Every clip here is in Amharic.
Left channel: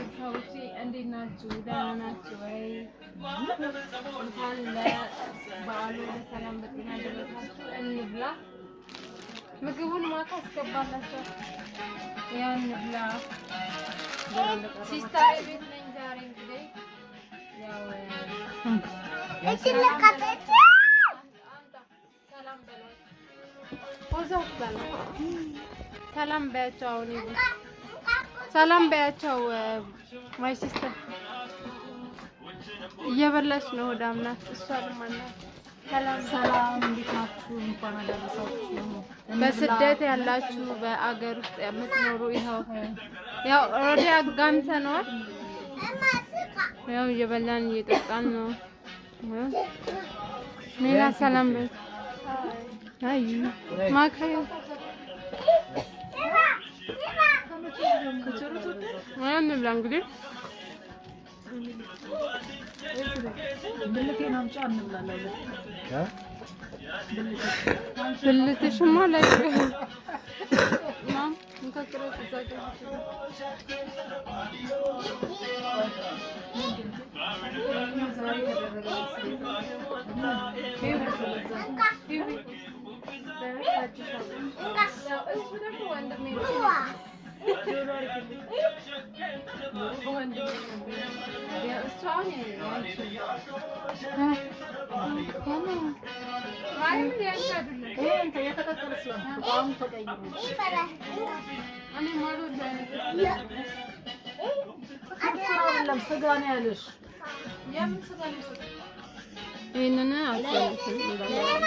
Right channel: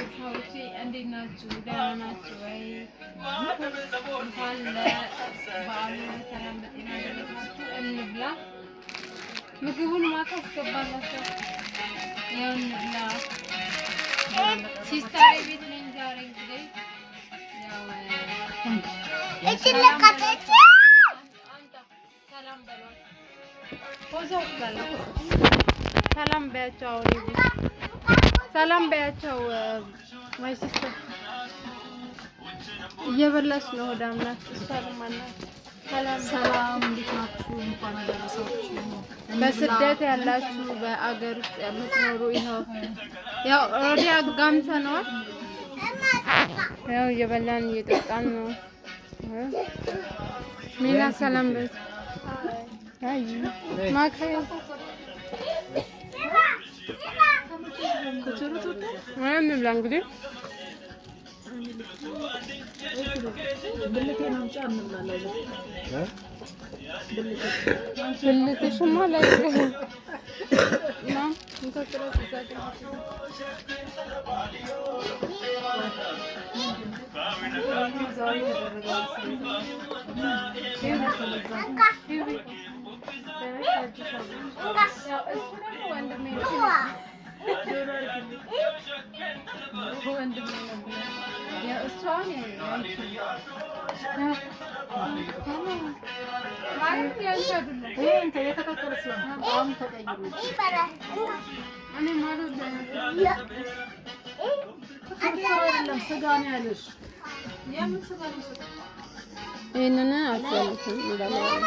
ቤተሰቦቼ እንዴት ናችሁ? ደህና ናችሁ ወይ? እንኳን ለበዓሉ በሰላም በጤና ደረሳችሁ። እንብላ። ምግቡን ማታ አስገባላችሁ። ያው እንብላ። ሲስተር ቤት ነኝ ዛሬ እንግዲህ ያው ሰላም በያቸው። ሰላም በያቸው። ማይ ሲስተር እየበላች ነው። ሆዳም ናት። እሷ ለማናት ሰላም እንዴት ናችሁ? እንኳን አደረሳችሁ። በስደት ያላችሁ በአገር ውስጥ የምትኖሩ ያው ኦሬዲ አጋምሰናል። ያው እየበላን እየጠጣን ነው። ሜላ ሰላም በይ። አይ ማካይ ከቸሩት ወይም ብላ እንግዲህ ብልቴን አምጪ እንብላለን። ብልቴሽማ ላይ ማም እንከክረሽ ዛቀሽ ይሄንን አጥተን እንላለን።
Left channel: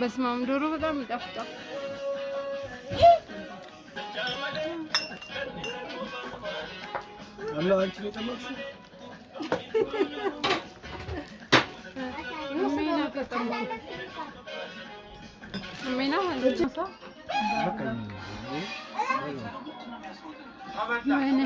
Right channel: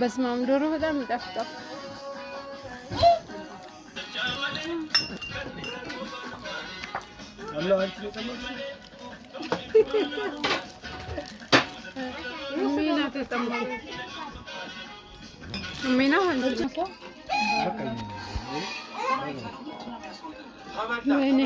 በስመ አብ ዶሮ በጣም ይጣፍጣል። አላህ አንቺ ለቀለሽ ሚና ተጠምቁ ሚና ወንጀልሳ ወይኔ